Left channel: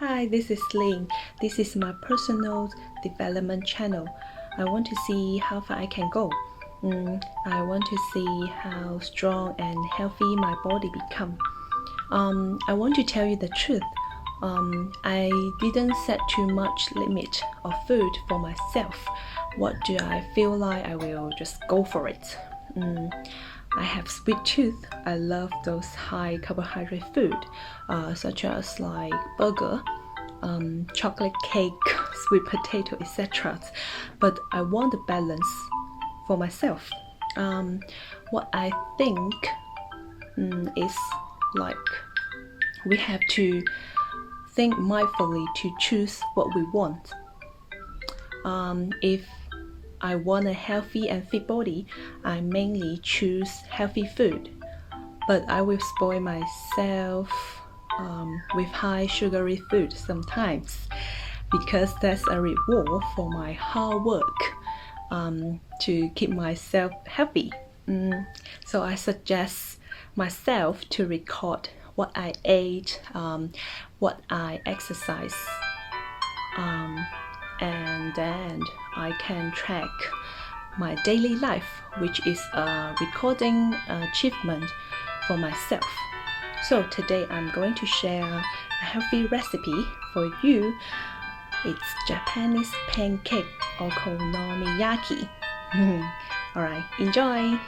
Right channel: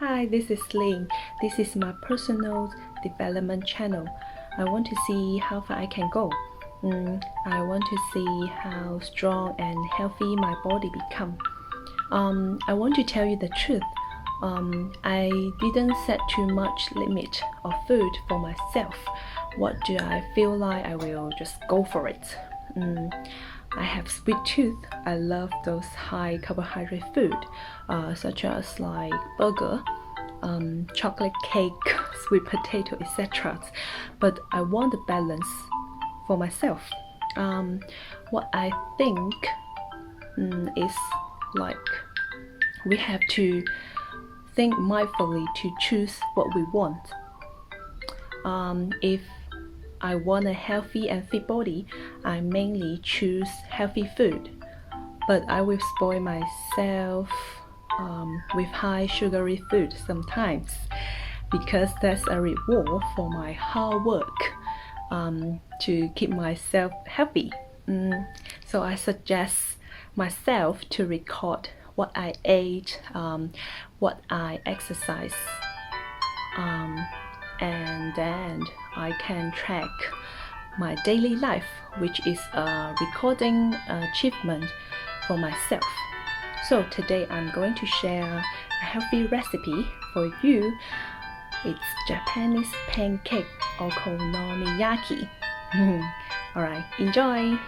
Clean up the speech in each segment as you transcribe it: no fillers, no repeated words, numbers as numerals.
Hi, this is Lynn. This is my personal development channel. I want to see how far I can go. I want to see how strong and healthy my body become. I want to tell you the truth. I didn't set too much limit of food for myself. What do I feel like? I will just go for it. I have sweet tooth. I love those high carbohydrate food, such as like burger, chocolate cake, sweet potato, etc. But I want a balance for myself. What I think is like we have to think mindfully to choose what we want. If I want a healthy and fit body, I mainly choose healthy food, but I will spoil myself with high sugary food sometimes because that's a reward for my hard work to keep myself healthy. So I suggest myself to record what I ate, what I exercise, and then I can track my daily life, which is a recording achievement for myself. So today I'm going to share a healthy recipe for you. It's Japanese pancake-okonomiyaki. Alright, enjoy!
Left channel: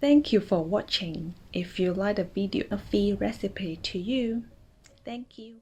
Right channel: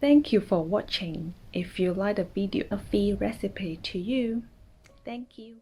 Thank you for watching. If you like the video, a free recipe to you. Thank you.